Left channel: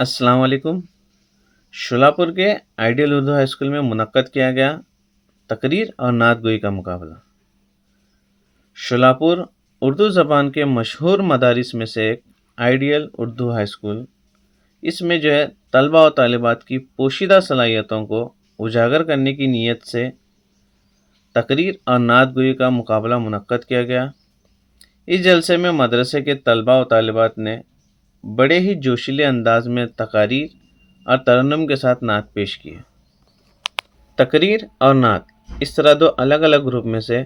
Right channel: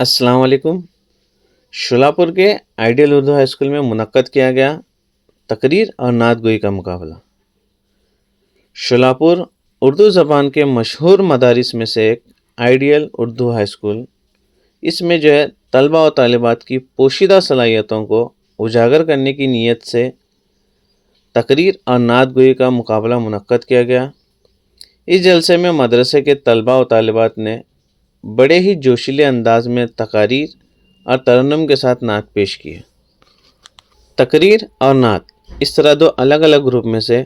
अस्सलाम वालेकुम। शोलापुर के आइडियल उर्दू हाई स्कूल में मुनक्कद किया गया तकरीर और नात गोई का मुकाबला। शोलापुर उर्दू ज़बान के मशहूर मदारिस में से एक आइडियल उर्दू हाई स्कूल, इसमें जो है तलबा और तालिबात की पोशीदा सलाहियतों को उजागर करने की नीयत से तकरीर और नात गोई का मुकाबला मुनक्कद किया गया। इस जलसे में मदरसे के तलबा और तालिबात ने बड़े ही जोशीले अंदाज में तकारीर और तरन्नुम के साथ नात पेश किए। तकरीर और नात इस तरह दो अलग अलग ग्रुप में से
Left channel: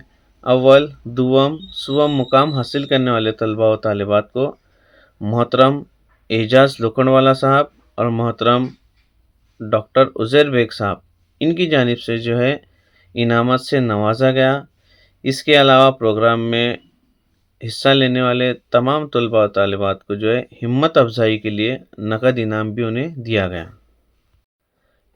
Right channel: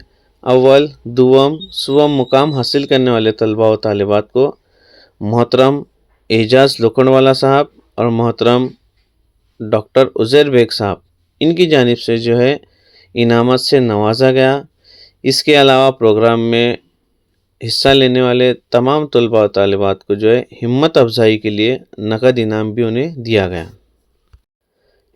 अव्वल, दुवम, सुवम मुकाम हासिल करने वाले तलबा और तालिबात को मोहतरम एजाज लोखंडवाला साहब और मोहतरम डॉक्टर उज़ैर बेग साहब इनकी जानिब से जो है इनामत से नवाजा गया। इसके अलावा प्रोग्राम में हिस्सा लेने वाले तमाम तलबा और तालिबात को जो है हिम्मत अफजाई के लिए नकद इनाम भी उन्हें दिया गया।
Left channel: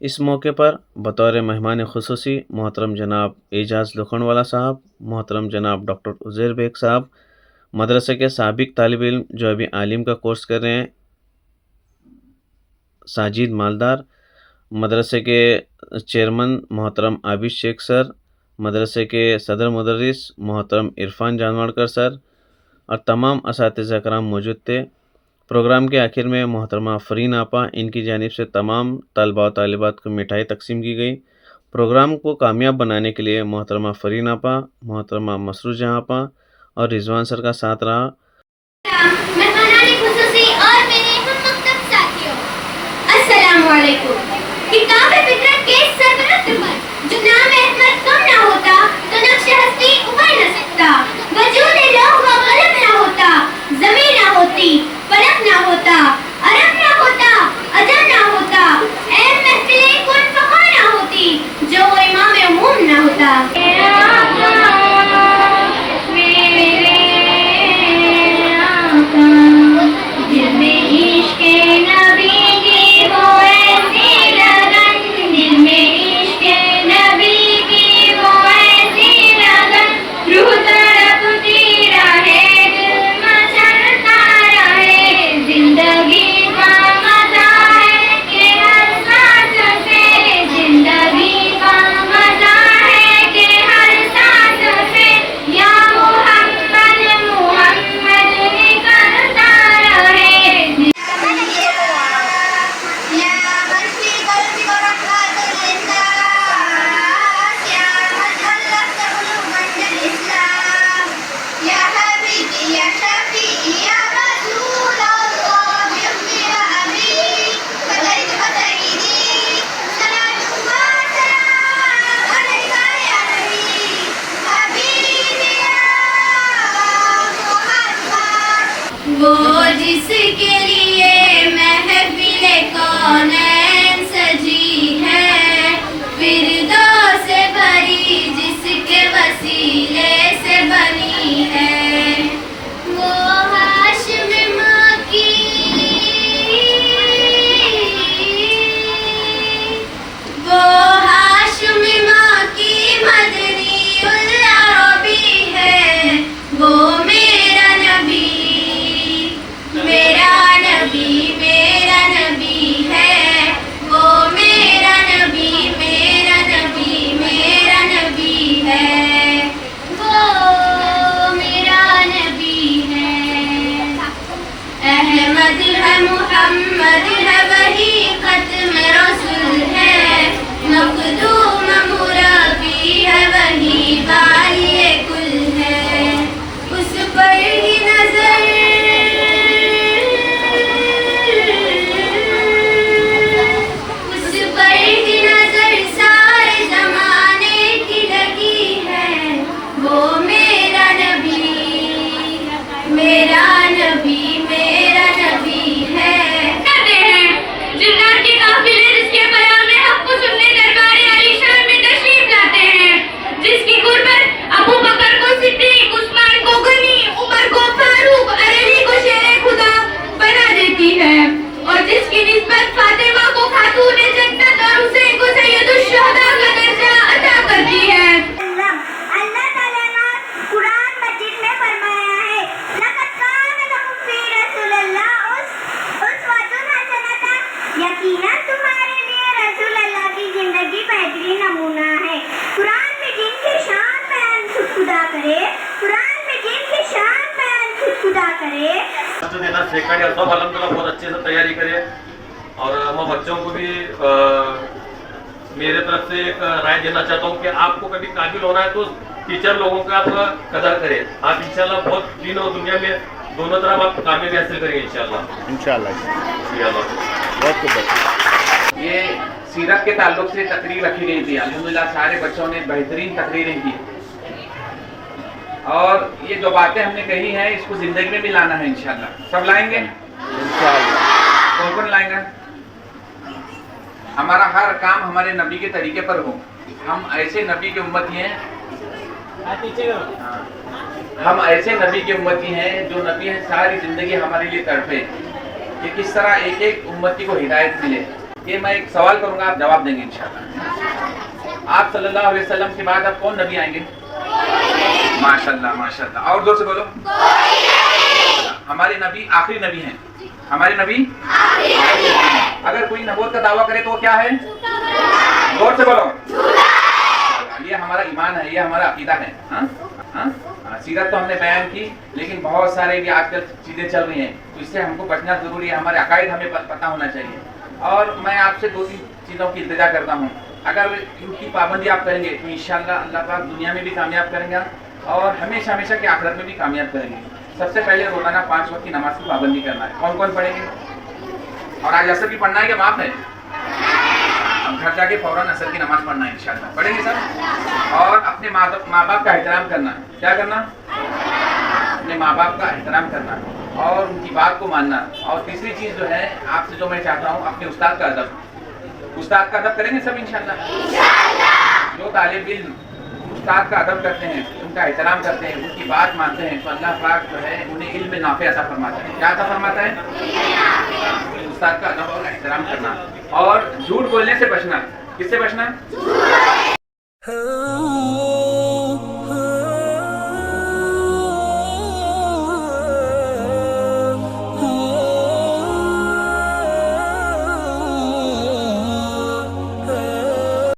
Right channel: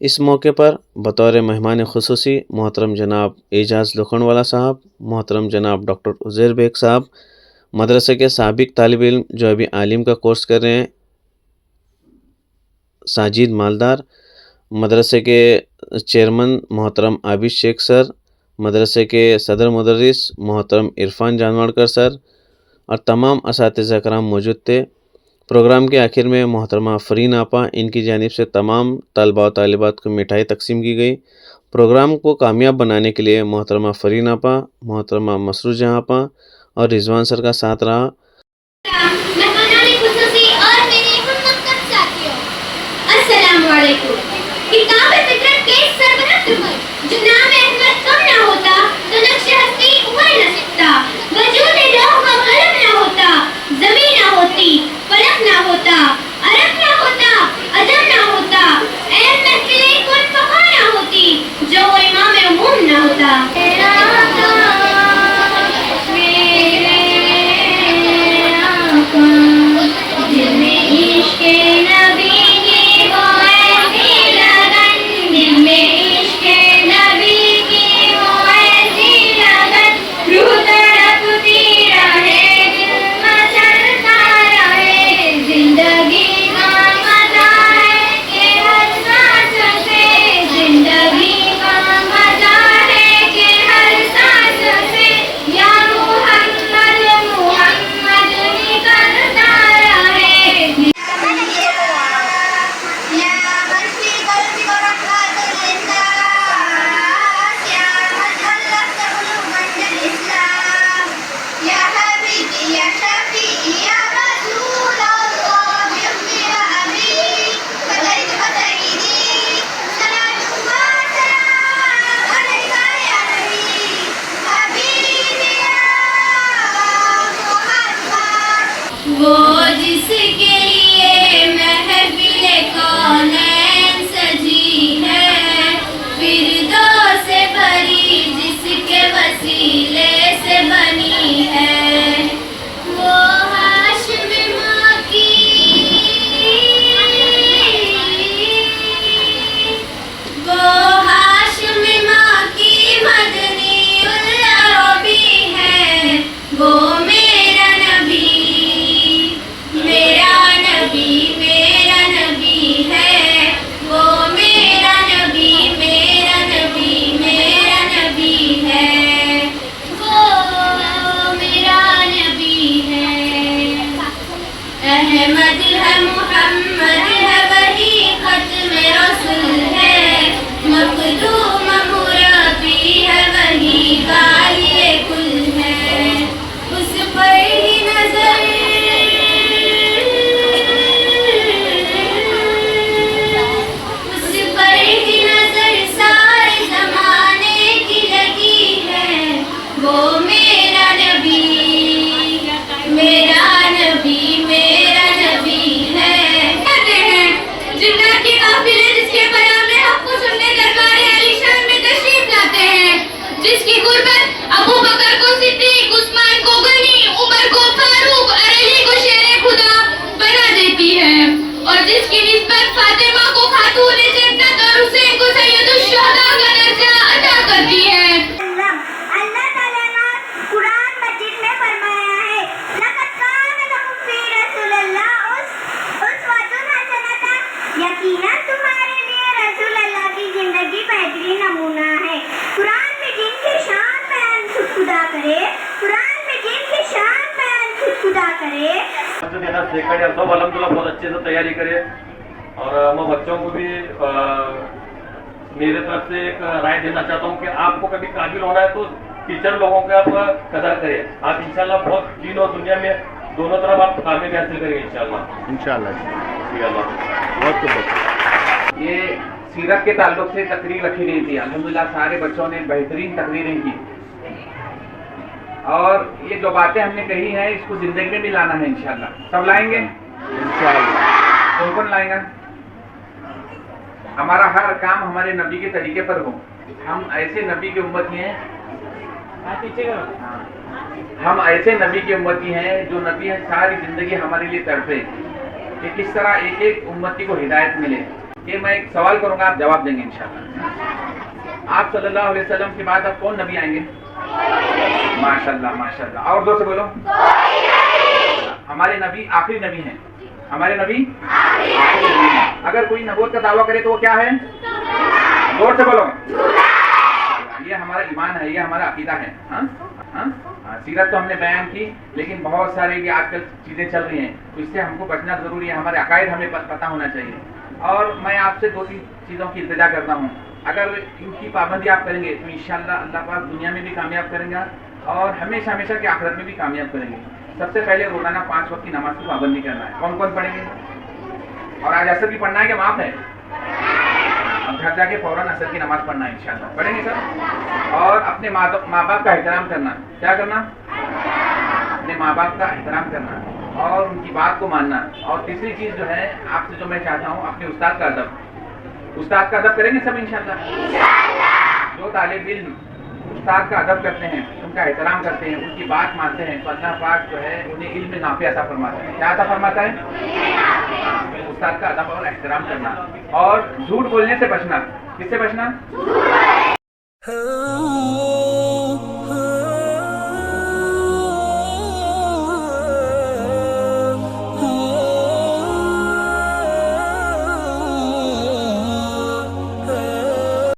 इस मौके पर बतौर मेहमान खुसूसी मोहतरम जनाब एजाज लोखंडवाला साहब, मोहतरम जनाब डॉक्टर उज़ैर बेग साहब, मदरसे के साबिक तालिब इल्म जो अभी आलिम का कोर्स कर रहे हैं साजिद मालदार, मदरसे के चेयरमैन मोहतरम आबिद शेख सर, मदरसे के सदर मुदर्रिस मोहतरम इरफान जानवाड़कर सर और तमाम असातिज़ा कराम मौजूद थे। प्रोग्राम के आखिर में मोहतरमा फरीन आपा इनकी जानिब से तमाम तलबा और तालिबात को मिठाई तकसीम की गई। प्रोग्राम को कामयाब बनाने के लिए मोहतरमा फरीन आपा, मोहतरमा मसरूर जहाँ आपा और रिजवान सर का साथ रहा। अच्छे से तैयारी करें। और मैं बच्चों को भी मेरे तरफ से एक राय देना चाहता हूँ कि आपको कभी काबिल होना है तो टीचर लोगों का आप कदर करें। आप इंशाल्लाह बहुत दीन और दुनिया में दोनों तरफ आप कामयाबी हासिल करेंगे इंशाल्लाह। बहुत ये सीरत के ताल्लुक से तकरीर रखी गई थी। अल्हम्दुलिल्लाह सारे बच्चों ने बेहतरीन तकरीरें की और ये जो बातें हमने कही हैं इसको जिंदगी में भी लाना है इंशाल्लाह। सब लाएंगे इंशाल्लाह। कौन लाएंगे? हमारा हर काम हमारे नबी के तरीके पर हो। हम ऐसे नबी की उम्मती हैं, हम ऐसे नबी की उम्मती हैं जो नबी है सारी जिंदगी हमारे लिए तड़पे कि किस तरह एक एक उम्मती को हिदायत मिले। ये मैं एक सवाल करूंगा, आप जवाब देंगे इंशाल्लाह। आप सल्लल्लाहु अलैहि वसल्लम के बाद अब कौन नबी आएंगे? माशाल्लाह माशाल्लाह। और जोर से बोलो। हमारे नबी आखिरी नबी हैं। हमारे नबी आखिरी नबी हैं। अगर कोई नबूवत का दावा करे तो वो क्या है? जोर से बोलो। ये हमारा ईमान है, ये हमारा अकीदा है। सीरत तो हमने बयान की, लेकिन बहुत सारे भी आजकल चीजें चल रही हैं तो इससे हमको बचना जरूरी है। हमारे अकायद हमें पता होना चाहिए। और मैं आपसे 2-3 चीज़ों की इल्तिजा करता हूँ। अगर इनकी पाबंदी आप करेंगे तो इंशाल्लाह अल्लाह पाक दुनिया में भी कामयाब करेंगे और हमेशा हमेशा के आखिरत में भी कामयाब करेंगे। सबसे पहले रोजाना 5 वक्त की नमाज की पाबंदी करना है। कौन कौन पढ़ेंगे? और आज असर भी पढ़ना है कि माफ है? अब घर जाके फौरन असर की नमाज पढ़ना है इंशाल्लाह। पढ़ेंगे सब। और अपने माँ बाप का एहतराम करना। क्या करना? अपने माँ बाप का एहतराम करना और उनकी बात को मानना। और तीसरी चीज़ जो है आपसे जो मैं चाहता हूँ, अपने उस्ताद का अदब। उस्ताद का अदब करेंगे सब इंशाल्लाह। जो तालिब इल्म उस्ताद का अदब करते हैं, उनका एहतराम करते हैं, उनकी बात मानते हैं तो अल्लाह पाक जो है उन्हें इल्म नाफ़े अता फरमाता है। क्या अता फरमाता है? उस्ताद का अदब और एहतराम करना और झूठ बोलने से बचना। किससे बचना?